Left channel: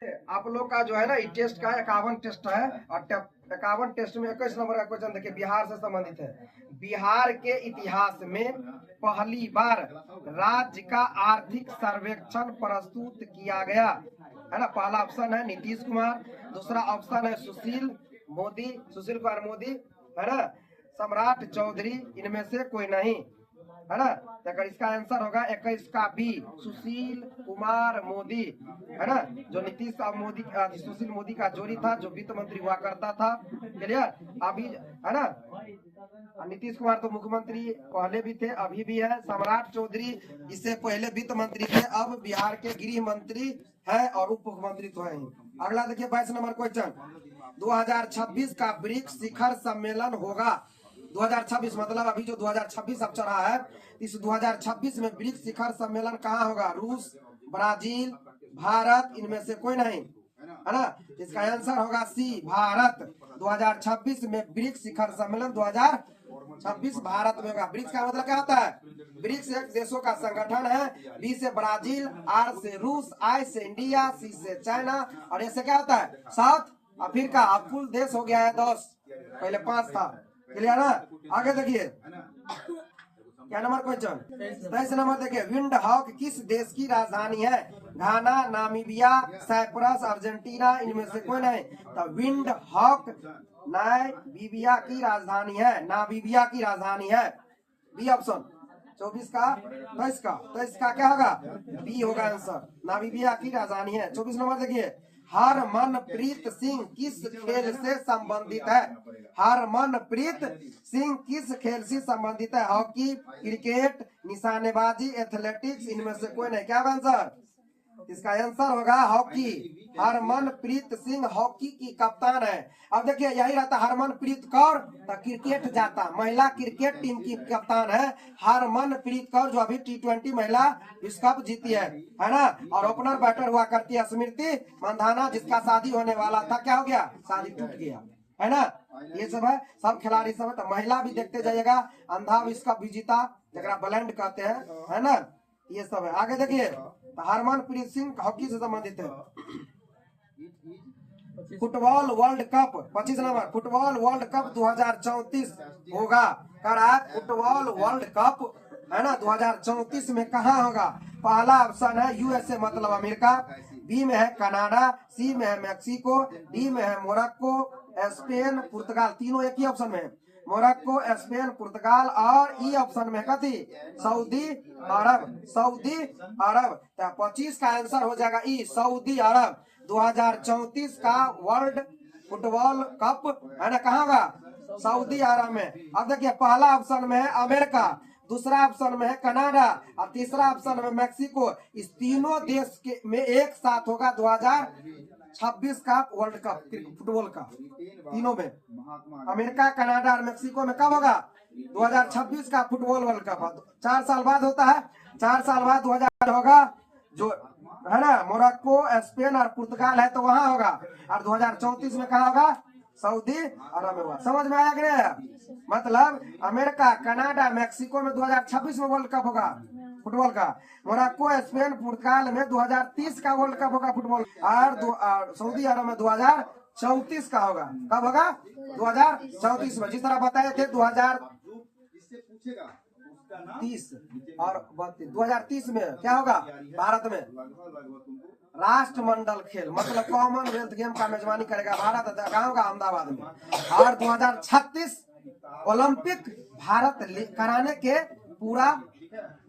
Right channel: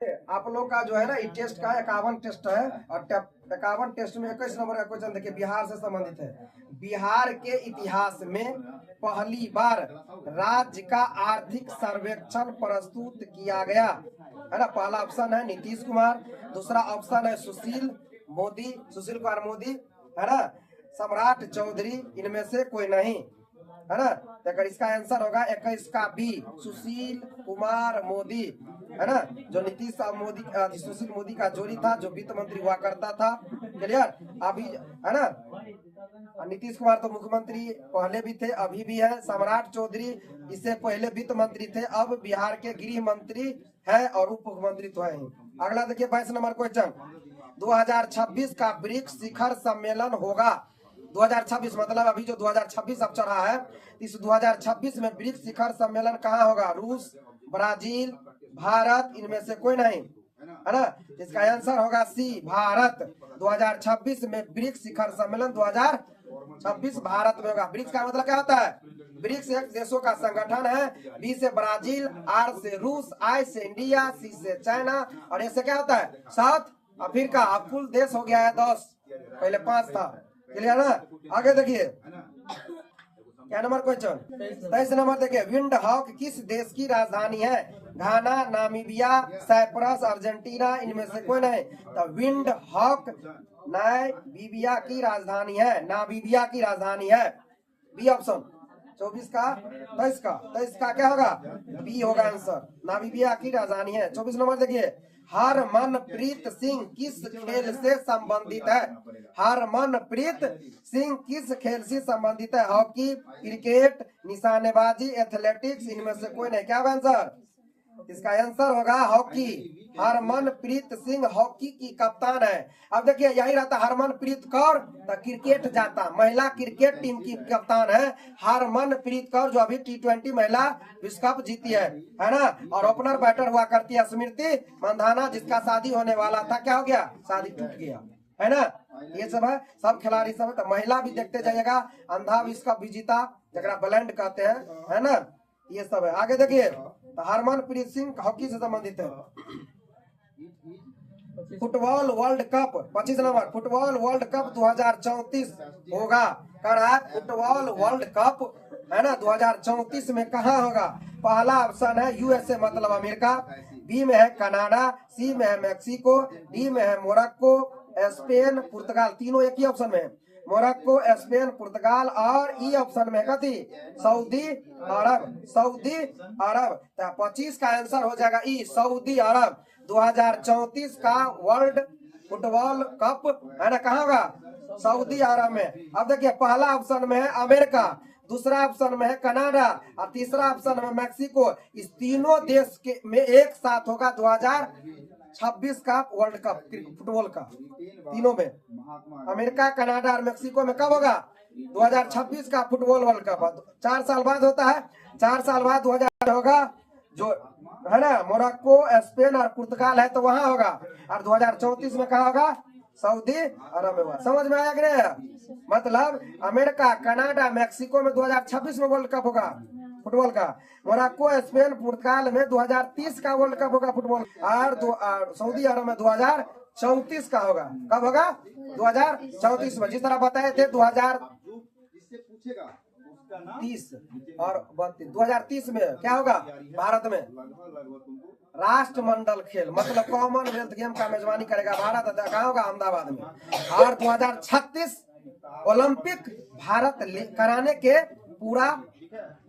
आप लोग का जो है ना ये टेस्ट का 51 टेस्ट है और 51 टेस्ट में 21 नंबर का क्वेश्चन देखिए बिहार से संबंधित है। बिहार के इतिहास में पहली बार राज्य का आर्थिक सर्वेक्षण प्रस्तुत किया गया है ना। पहला ऑप्शन है नीतीश कुमार, दूसरा ऑप्शन है सुशील कुमार मोदी है ना, सम्राट चौधरी, इनमें से कोई नहीं है ना। तो अगर इसका आंसर होगा 21 का बी, सुशील कुमार मोदी है ना, जो नीतीश सुशील मोदी का जोड़ी था, जो वित्त मंत्री हुआ करता था। क्लियर अभी है ना। नीतीश कुमार तो मुख्यमंत्री पहले भी थे, अभी भी है। सम्राट चौधरी इससे पहले वित्त मंत्री थे, अब बिहार के गृह मंत्री है और उप मुख्यमंत्री तो है ही। अगला देखिए 22 नंबर क्वेश्चन, 2026 का ब्रिक्स शिखर सम्मेलन होगा। 2026 मतलब अभी जो 2026 अब चल रहा है, इस 2026 में ब्रिक्स शिखर सम्मेलन कहाँ होगा? रूस, ब्राजील, भारत, इनमें से कोई नहीं है ना। इसका आंसर होगा सी, भारत। 2026 में ब्रिक्स शिखर सम्मेलन 2026 भारत में होगा। ब्रिक्स का मतलब क्या होता है? ब्रिक्स एक देशों का संगठन है। बी से ब्राजील, आर से रूस, आई से इंडिया, सी से चाइना और ऐसे क्या होता है? South Africa. अब कुल देश हो गया है 10, पहले 5 था। क्लियर ना। आगे देखिए क्या नंबर क्वेश्चन, 23 नंबर देखिए, विंड हॉक किस देश की राजधानी है? घाना, नामीबिया, साइप्रस, अर्जेंटीना, इनमें से कोई नहीं। तो विंड हॉक नामीबिया की राजधानी है, नामीबिया की राजधानी है। बी ऑप्शन 24 का 23 का क्या होगा? बी होगा आंसर, नामीबिया की राजधानी है। 24 नंबर देखिए, हरमनप्रीत सिंह किस खेल से संबंधित है? हरमनप्रीत सिंह किस खेल से संबंधित है? हॉकी, क्रिकेट, निशानेबाजी, एथलेटिक्स, इनमें से कोई नहीं। क्या आंसर? इसका आंसर होगा हॉकी। हरमनप्रीत सिंह हॉकी की कप्तान है। अब देखिए यही रहता हरमनप्रीत कौर, तो क्रिकेट जाता, महिला क्रिकेट टीम की कप्तान है हरमनप्रीत कौर, जो अभी T20 महिला विश्व कप जीती है ना। और ओपनर बैटर हुआ करती है स्मृति मंधाना, जिसका शादी होने वाला था, क्या हो गया? शादी टूट गया है ना। ये सब है, सब खिलाड़ी सब है। तो महिला भी देखते जाइएगा, अंधा विश्व कप विजेता जरा ब्लेंड कहते हैं है ना, ये सब है। आगे देखिए, तो हरमनप्रीत सिंह हॉकी से संबंधित है। Football world cup 25 number, football world cup 2034 होगा। फुटबॉल वर्ल्ड कप है ना 2034 में कहाँ होगा? पहला ऑप्शन है यूएसए मतलब अमेरिका, बी में है कनाडा, सी में है मैक्सिको, डी में है मोरक्को, स्पेन, पुर्तगाल। तीनों एक ही ऑप्शन में है, मोरक्को, स्पेन, पुर्तगाल और ई ऑप्शन में कथी? सऊदी अरब। सऊदी अरब। 25 का आंसर हो जाएगा ई, सऊदी अरब। 2034 का वर्ल्ड फुटबॉल कप है ना, कहाँ होगा? सऊदी अरब में। अब देखिए पहला ऑप्शन में है अमेरिका, दूसरा ऑप्शन में है कनाडा और तीसरा ऑप्शन में मैक्सिको। इस तीनों देश के में एक साथ होगा 2026 का वर्ल्ड कप फुटबॉल का। तीनों में अमेरिका, कनाडा और मैक्सिको में कब होगा? 2026 का फुटबॉल वर्ल्ड कप 4 साल बाद होता है। 4 साल बाद 2000 होगा, जो है ना मोरक्को, स्पेन और पुर्तगाल है तो वहां होगा। और 2034 में कहा होगा? सऊदी अरब में हुआ। समझ में आया कि नहीं? मतलब अमेरिका, कनाडा, मैक्सिको में 2026 में वर्ल्ड कप होगा फुटबॉल का। मोरक्को, स्पेन, पुर्तगाल में 2030 का वर्ल्ड कप होगा फुटबॉल। और सऊदी अरब में 2034 का होगा। कब होगा? 2034 में। जिस तरह बताए थे 2030 और 2030 में क्या होगा? भारत में राष्ट्रमंडल खेल मतलब कॉमनवेल्थ गेम का मेजबानी करेगा भारत। कहाँ होगा? अहमदाबाद में। और 2036 ओलंपिक भारत कराने के पूरा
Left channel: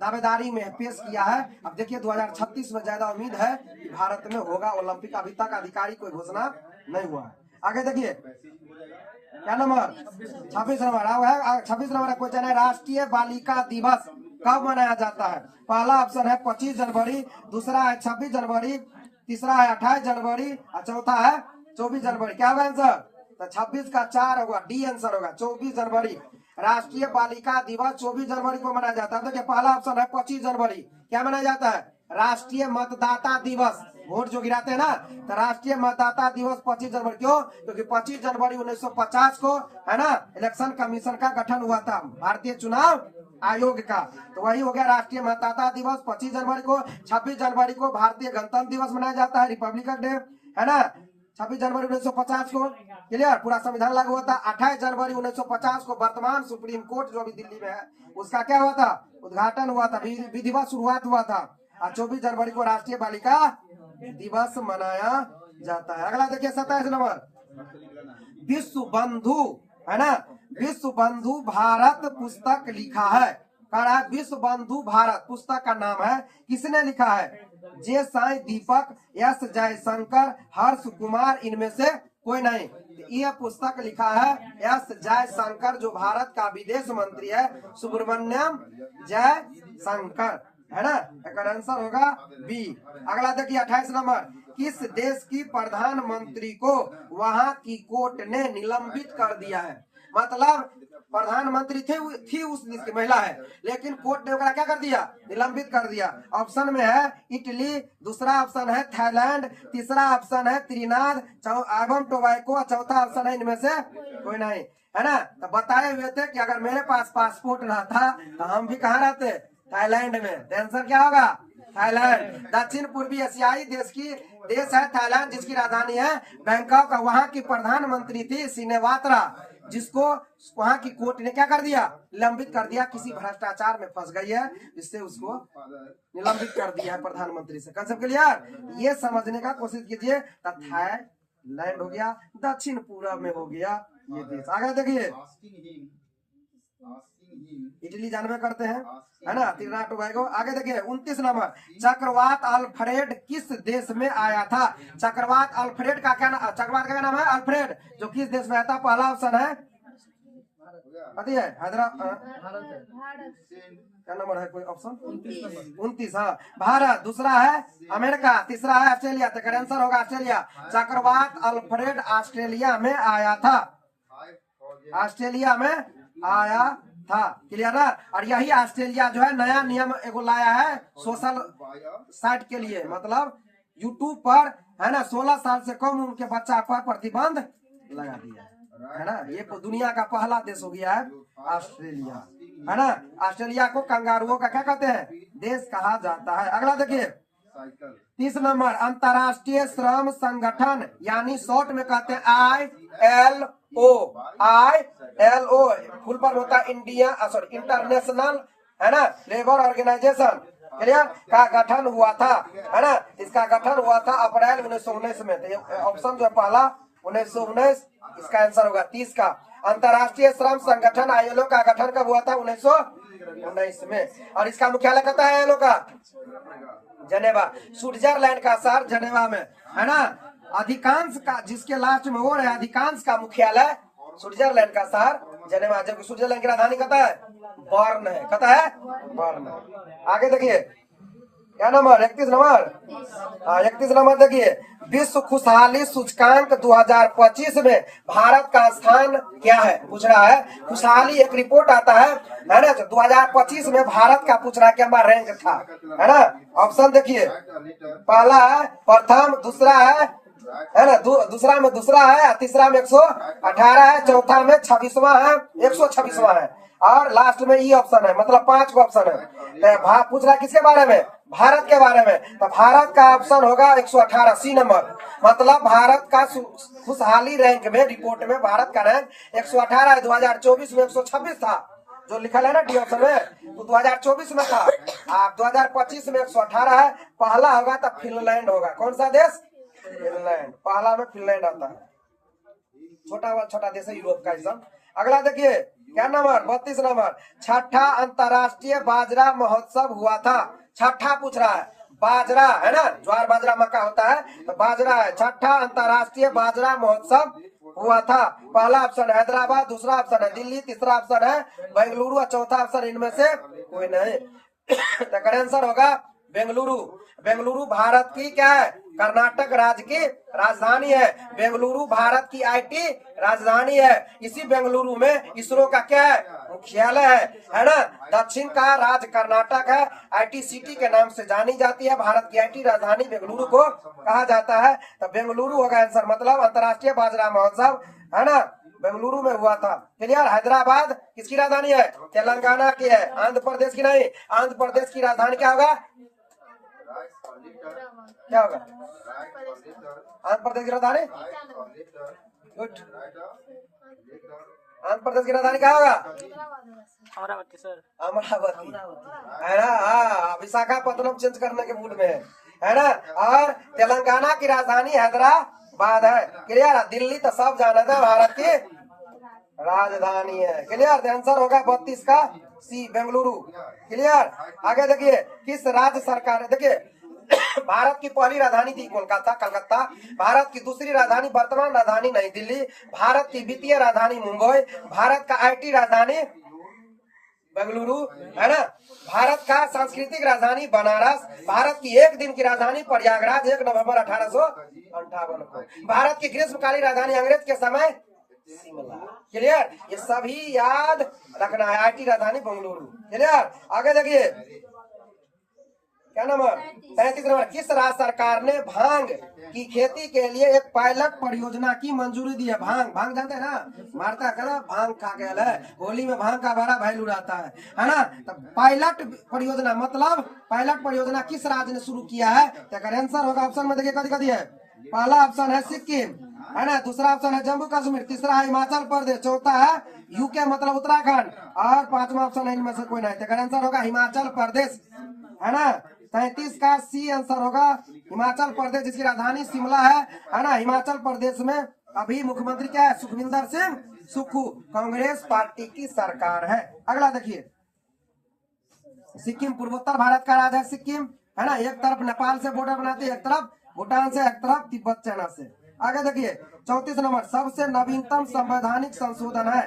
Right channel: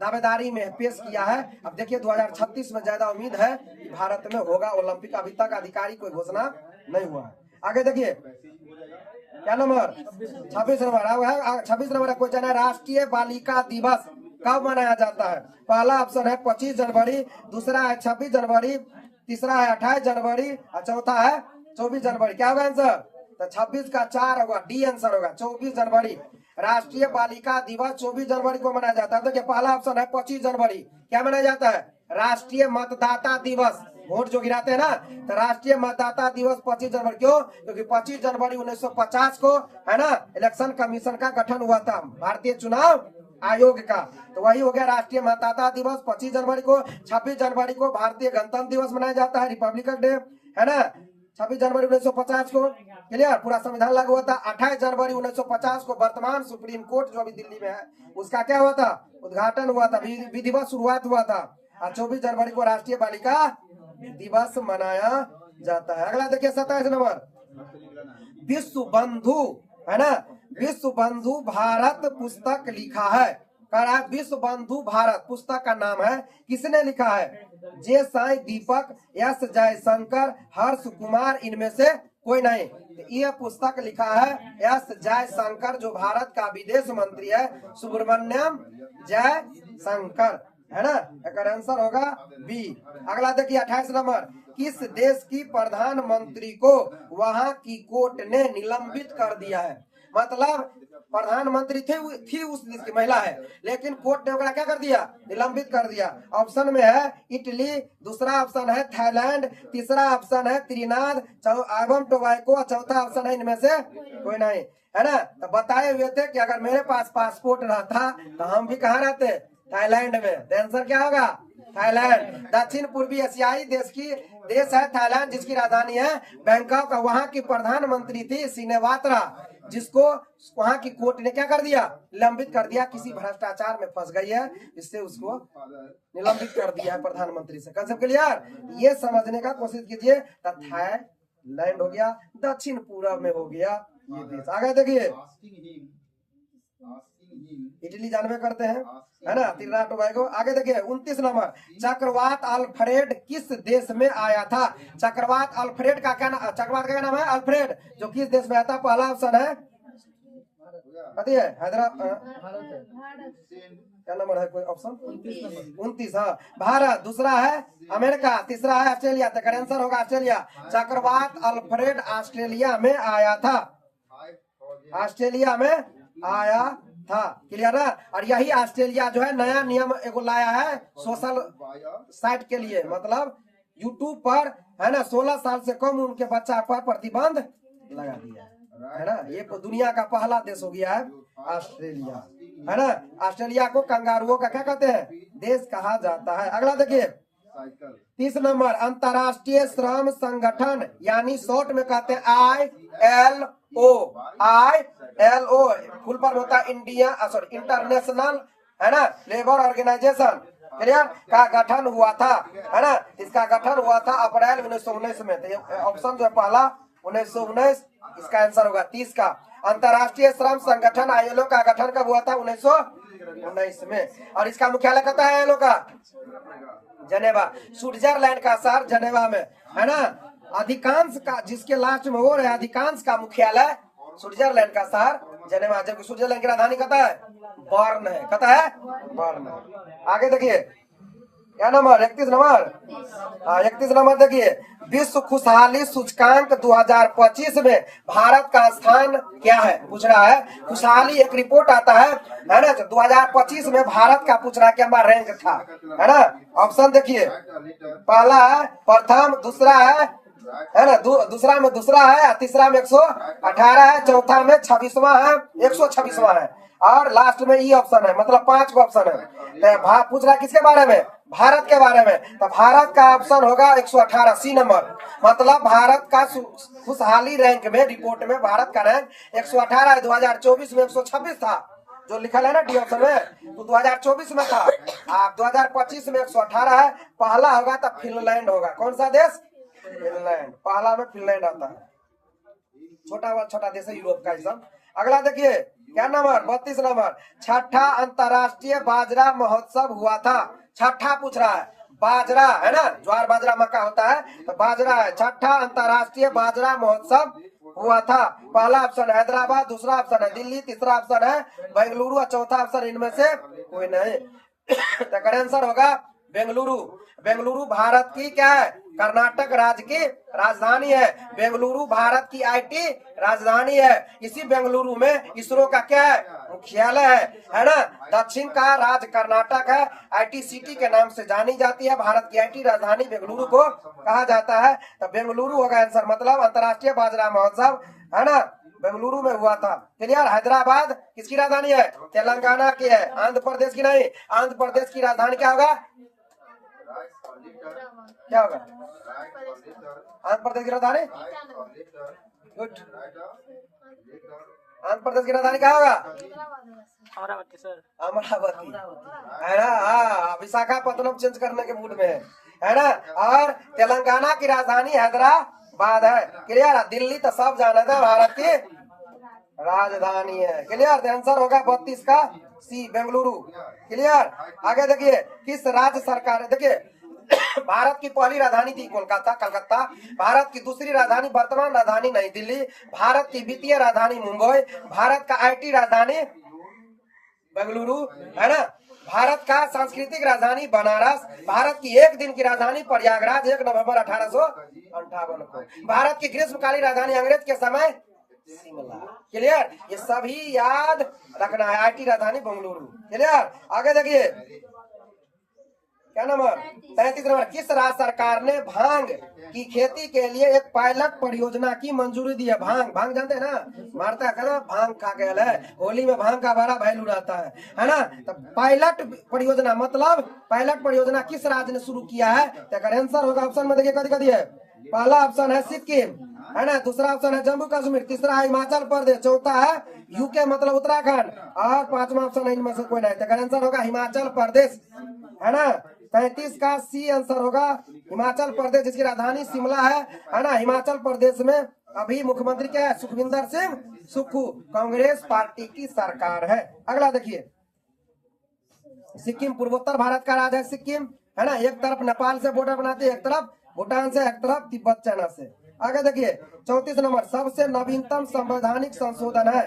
दावेदारी में पेश किया है। अब देखिए 2036 में ज्यादा उम्मीद है कि भारत में होगा ओलंपिक। अभी तक आधिकारिक कोई घोषणा नहीं हुआ। आगे देखिए क्या नंबर 26 नंबर। 26 नंबर का क्वेश्चन है, राष्ट्रीय बालिका दिवस कब मनाया जाता है? पहला ऑप्शन है 25 जनवरी, दूसरा है 26 जनवरी, तीसरा है 28 जनवरी और चौथा है 24 जनवरी। क्या होगा आंसर? तो 26 का 4 होगा, डी आंसर होगा 24 जनवरी। राष्ट्रीय बालिका दिवस 24 जनवरी को मनाया जाता है। देखिए पहला ऑप्शन है 25 जनवरी, क्या मनाया जाता है? राष्ट्रीय मतदाता दिवस, वोट जो गिराते हैं ना, तो राष्ट्रीय मतदाता दिवस 25 जनवरी। क्यों? क्योंकि 25 जनवरी 1950 को है ना इलेक्शन कमीशन का गठन हुआ था, भारतीय चुनाव आयोग का। तो वही हो गया राष्ट्रीय मतदाता दिवस 25 जनवरी को। 26 जनवरी को भारतीय गणतंत्र दिवस मनाया जाता है, रिपब्लिकन डे, है ना। 26 जनवरी 1950 को, क्लियर, पूरा संविधान लागू हुआ था। 28 जनवरी 1950 को वर्तमान सुप्रीम कोर्ट जो अभी दिल्ली में है उसका क्या हुआ था, उद्घाटन हुआ था, विधिवत शुरुआत हुआ था। और 24 जनवरी को राष्ट्रीय बालिका दिवस मनाया जाता है। अगला देखिए 27 नंबर, विश्व बंधु, है ना, विश्व बंधु भारत पुस्तक लिखा है। कह रहा है विश्व बंधु भारत पुस्तक का नाम है, किसने लिखा है, जे साई दीपक, एस जयशंकर, हर्ष कुमार, इनमें से कोई नहीं। यह पुस्तक लिखा है एस जयशंकर, जो भारत का विदेश मंत्री है, सुब्रमण्यम जयशंकर, है ना। एक आंसर होगा बी। अगला देखिए 28 नंबर, किस देश की प्रधानमंत्री को वहां की कोर्ट ने निलंबित कर दिया है। मतलब प्रधानमंत्री थी उस देश की महिला है, लेकिन कोर्ट ने उनका क्या कर दिया, निलंबित कर दिया। ऑप्शन में है इटली, दूसरा ऑप्शन है थाईलैंड, तीसरा ऑप्शन है त्रिनाद एवं टोबैको, चौथा ऑप्शन है इनमें से कोई नहीं, है ना। तो बताए हुए थे कि अगर मेरे पास पासपोर्ट रहता तो हम भी कहाँ रहते, थाईलैंड में। आंसर क्या होगा, थाईलैंड। दक्षिण पूर्वी एशियाई देश है थाईलैंड, जिसकी राजधानी है बैंकॉक। वहाँ की प्रधानमंत्री थी सिनेवात्रा, जिसको वहाँ की कोर्ट ने क्या कर दिया, निलंबित कर दिया। किसी भ्रष्टाचार में फंस गई है, इससे उसको निलंबित कर दिया है प्रधानमंत्री से। कंसेप्ट क्लियर, ये समझने का कोशिश कीजिए। थाईलैंड हो गया, दक्षिण पूर्व में हो गया ये देश। आगे देखिए, इटली जानवे करते हैं, है ना, त्रिनाद टोबैगो। आगे देखिए 29 नंबर, चक्रवात अल्फ्रेड किस देश में आया था। चक्रवात अल्फ्रेड का क्या नाम, चक्रवात का क्या नाम है, अल्फ्रेड, जो किस देश में आया था। पहला ऑप्शन है हैदराबाद, क्या नंबर है कोई ऑप्शन, 29, हाँ, भारत। दूसरा है अमेरिका, तीसरा है ऑस्ट्रेलिया। तो आंसर होगा ऑस्ट्रेलिया। चक्रवात अल्फ्रेड ऑस्ट्रेलिया में आया था, ऑस्ट्रेलिया में आया था, क्लियर ना। और यही ऑस्ट्रेलिया जो है नया नियम एगो लाया है सोशल साइट के लिए, मतलब यूट्यूब पर, है ना, 16 साल से कम उनके बच्चा पर प्रतिबंध लगा दिया, है ना। ये दुनिया का पहला देश हो गया है ऑस्ट्रेलिया, है ना। ऑस्ट्रेलिया को कंगारुओं का क्या कहते हैं, देश कहा जाता है। अगला देखिए 30 नंबर, अंतर्राष्ट्रीय श्रम संगठन, यानी शॉर्ट में कहते हैं ILO, फुल फॉर्म होता है इंटरनेशनल, है ना, लेबर ऑर्गेनाइजेशन, क्लियर, का गठन हुआ था, है ना। इसका गठन हुआ था अप्रैल 1919 में। तो ऑप्शन जो है पहला 1919, इसका आंसर होगा 30 का। अंतर्राष्ट्रीय श्रम संगठन ILO का गठन कब हुआ था, 1919 में। और इसका मुख्यालय कहता है ILO का जनेवा, स्विट्जरलैंड का शहर जनेवा में, है ना। अधिकांश का, जिसके लास्ट में वो है, अधिकांश का मुख्यालय स्विट्जरलैंड का शहर जनेवा, जबकि स्विट्जरलैंड की राजधानी कहता है बर्न है, कहता है बर्न। आगे देखिए क्या नंबर, 31 नंबर, 31 नंबर देखिए, विश्व खुशहाली सूचकांक 2025 में भारत का स्थान क्या है, पूछ रहा है। खुशहाली एक रिपोर्ट आता है ना, 2025 में भारत का पूछ रहा है क्या रैंक था, है ना। ऑप्शन देखिए, पहला है प्रथम, दूसरा है ना, दूसरा है, तीसरा में 118 है, चौथा में 26वां है, 126वां है, और लास्ट में ये ऑप्शन है, मतलब 5 का ऑप्शन है। तो पूछ रहा है किसके बारे में, भारत के बारे में। तो भारत का ऑप्शन होगा 118, सी नंबर। मतलब भारत का खुशहाली रैंक में, रिपोर्ट में भारत का रैंक 118 है। 2024 में 126 था, जो लिखा है ना डी ऑप्शन में, तो 2024 में था। 2025 में 118 है। पहला होगा तो फिनलैंड होगा। कौन सा देश, फिनलैंड, पहला में फिनलैंड आता है। छोटा देश है यूरोप का ये सब। अगला देखिए क्या नंबर, 32 नंबर, छठा अंतर्राष्ट्रीय बाजरा महोत्सव हुआ था। छठा पूछ रहा है, बाजरा, है ना, ज्वार बाजरा मक्का होता है, तो बाजरा है। छठा अंतर्राष्ट्रीय बाजरा महोत्सव हुआ था। पहला ऑप्शन हैदराबाद, दूसरा ऑप्शन है दिल्ली, तीसरा ऑप्शन है बेंगलुरु, और चौथा ऑप्शन इनमें से कोई नहीं। तो आंसर होगा बेंगलुरु। बेंगलुरु भारत की क्या है, कर्नाटक राज्य की राजधानी है। बेंगलुरु भारत की IT राजधानी है। इसी बेंगलुरु में इसरो का क्या है, मुख्यालय है ना। दक्षिण का राज्य कर्नाटक है, IT सिटी के नाम से जानी जाती है। भारत की IT राजधानी बेंगलुरु को कहा जाता है। तो बेंगलुरु होगा आंसर, मतलब अंतर्राष्ट्रीय बाजरा महोत्सव, है ना, बेंगलुरु में हुआ था। क्लियर। हैदराबाद किसकी राजधानी है? तेलंगाना की है। आंध्र प्रदेश की नहीं, आंध्र प्रदेश की राजधानी क्या होगा? क्या होगा आंध्र प्रदेश की राजधानी? गुड। आंध्र प्रदेश की राजधानी क्या होगा? अमरावती सर। अमरावती है ना। हाँ, विशाखापत्तनम चेंज करने के मूड में है ना। और तेलंगाना की राजधानी हैदराबाद है। क्लियर। दिल्ली तो सब जाना था भारत की राजधानी है। क्लियर। आंसर होगा 32 का सी, बेंगलुरु। क्लियर। आगे देखिए, किस राज्य सरकार, देखिए भारत की पहली राजधानी थी कोलकाता, कलकत्ता। भारत की दूसरी राजधानी, वर्तमान राजधानी नई दिल्ली। भारत की वित्तीय राजधानी मुंबई। भारत का आईटी राजधानी बेंगलुरु, है ना। भारत का सांस्कृतिक राजधानी बनारस। भारत की एक दिन की राजधानी प्रयागराज, 1 नवंबर 1858 को। भारत की ग्रीष्मकालीन राजधानी अंग्रेज के समय शिमला। क्लियर। ये सभी याद रखना है। आईटी राजधानी बेंगलुरु। क्लियर। आगे देखिए, क्या नंबर? 33 नंबर। किस राज्य सरकार ने भांग की खेती के लिए एक पायलट परियोजना की मंजूरी दी है? भांग जानते हैं ना, मारता है ना, भांग खा गया है, होली में भांग का बड़ा वैल्यू रहता है ना। तो पायलट परियोजना मतलब पायलट परियोजना किस राज्य ने शुरू किया है? तो आंसर होगा ऑप्शन में देखिए, कदी है। पहला ऑप्शन है सिक्किम, है ना। दूसरा ऑप्शन है जम्मू कश्मीर। तीसरा है हिमाचल प्रदेश। चौथा है यूके मतलब उत्तराखंड। और पांचवा ऑप्शन है इनमें से कोई नहीं। तो आंसर होगा हिमाचल प्रदेश, है ना। 33 का सी आंसर होगा हिमाचल प्रदेश, जिसकी राजधानी शिमला है ना। हिमाचल प्रदेश में अभी मुख्यमंत्री क्या है? सुखविंदर सिंह सुक्खू। कांग्रेस पार्टी की सरकार है। अगला देखिए, सिक्किम पूर्वोत्तर भारत का राज्य है सिक्किम, है ना। एक तरफ नेपाल से बॉर्डर बनाते हैं, एक तरफ भूटान से, एक तरफ तिब्बत चाइना से। आगे देखिए, 34 नंबर। सबसे नवीनतम संवैधानिक संशोधन है।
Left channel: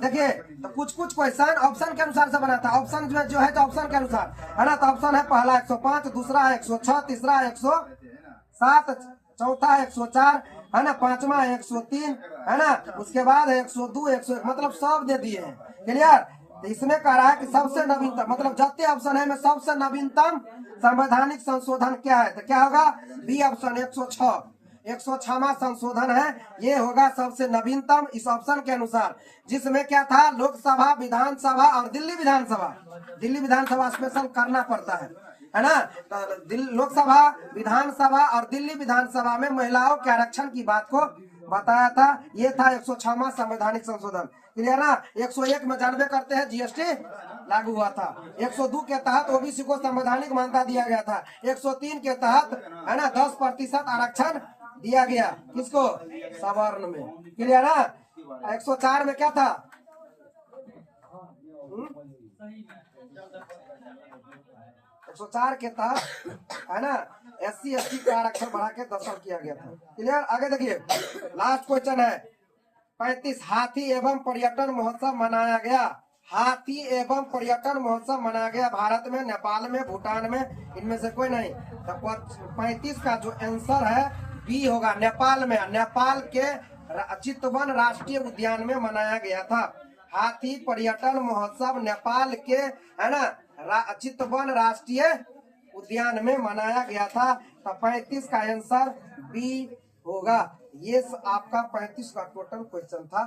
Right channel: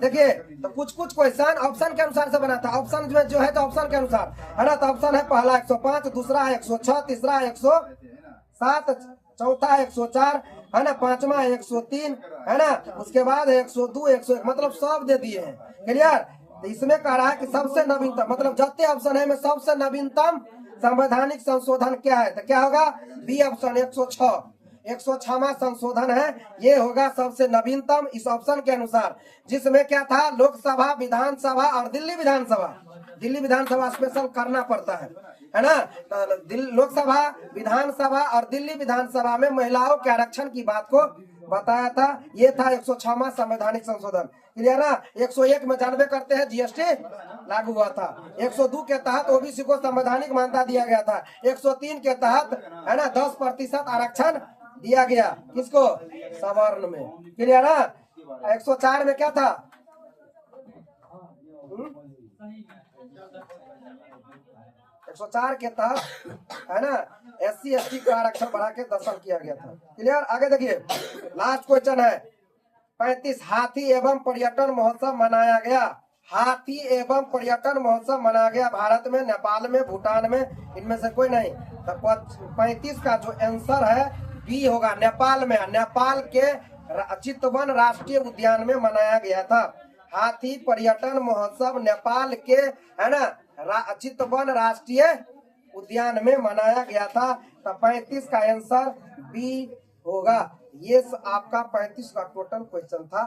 देखिए, तो कुछ क्वेश्चन ऑप्शन के अनुसार से बनाता है। ऑप्शन जो है तो ऑप्शन के अनुसार, है ना। तो ऑप्शन है पहला 105, दूसरा है 106, तीसरा 107, चौथा 104, है ना। पांचवा 103, है ना। उसके बाद 102, 101, मतलब सब दे दिए हैं। क्लियर। तो इसमें कह रहा है कि सबसे नवीनतम, मतलब जितने ऑप्शन है में सबसे नवीनतम संवैधानिक संशोधन क्या है? तो क्या होगा? B option 106। 106वां संशोधन है, ये होगा सबसे नवीनतम इस ऑप्शन के अनुसार, जिसमें क्या था? लोकसभा, विधानसभा और दिल्ली विधानसभा। दिल्ली विधानसभा स्पेशल करना पड़ता है ना। तो लोकसभा, विधानसभा और दिल्ली विधानसभा में महिलाओं के आरक्षण की बात को बताया था। ये था 106वां संवैधानिक संशोधन। क्लियर ना। 101 में जानबे करते हैं जीएसटी लागू हुआ था। 102 के तहत ओबीसी को संवैधानिक मान्यता दिया गया था। 103 के तहत, है ना, 10% आरक्षण दिया गया। किसको? सवर्ण में। क्लियर ना। 104 में क्या था? 104 के तहत, है ना, SC ST का आरक्षण बढ़ा के 10 साल किया गया था। क्लियर। आगे देखिए, लास्ट क्वेश्चन है 35। हाथी एवं पर्यटन महोत्सव मनाया गया। हाथी एवं पर्यटन महोत्सव मनाया गया भारत में, नेपाल में, भूटान में, इनमें से कोई नहीं। तो 35 का जो आंसर है बी होगा, नेपाल में। नेपाल के चितवन राष्ट्रीय उद्यान में मनाया गया था। हाथी पर्यटन महोत्सव नेपाल के, है ना, चितवन राष्ट्रीय उद्यान में मनाया गया था। तो 35 का आंसर बी होगा। ये आपका 35 का टोटल क्वेश्चन था।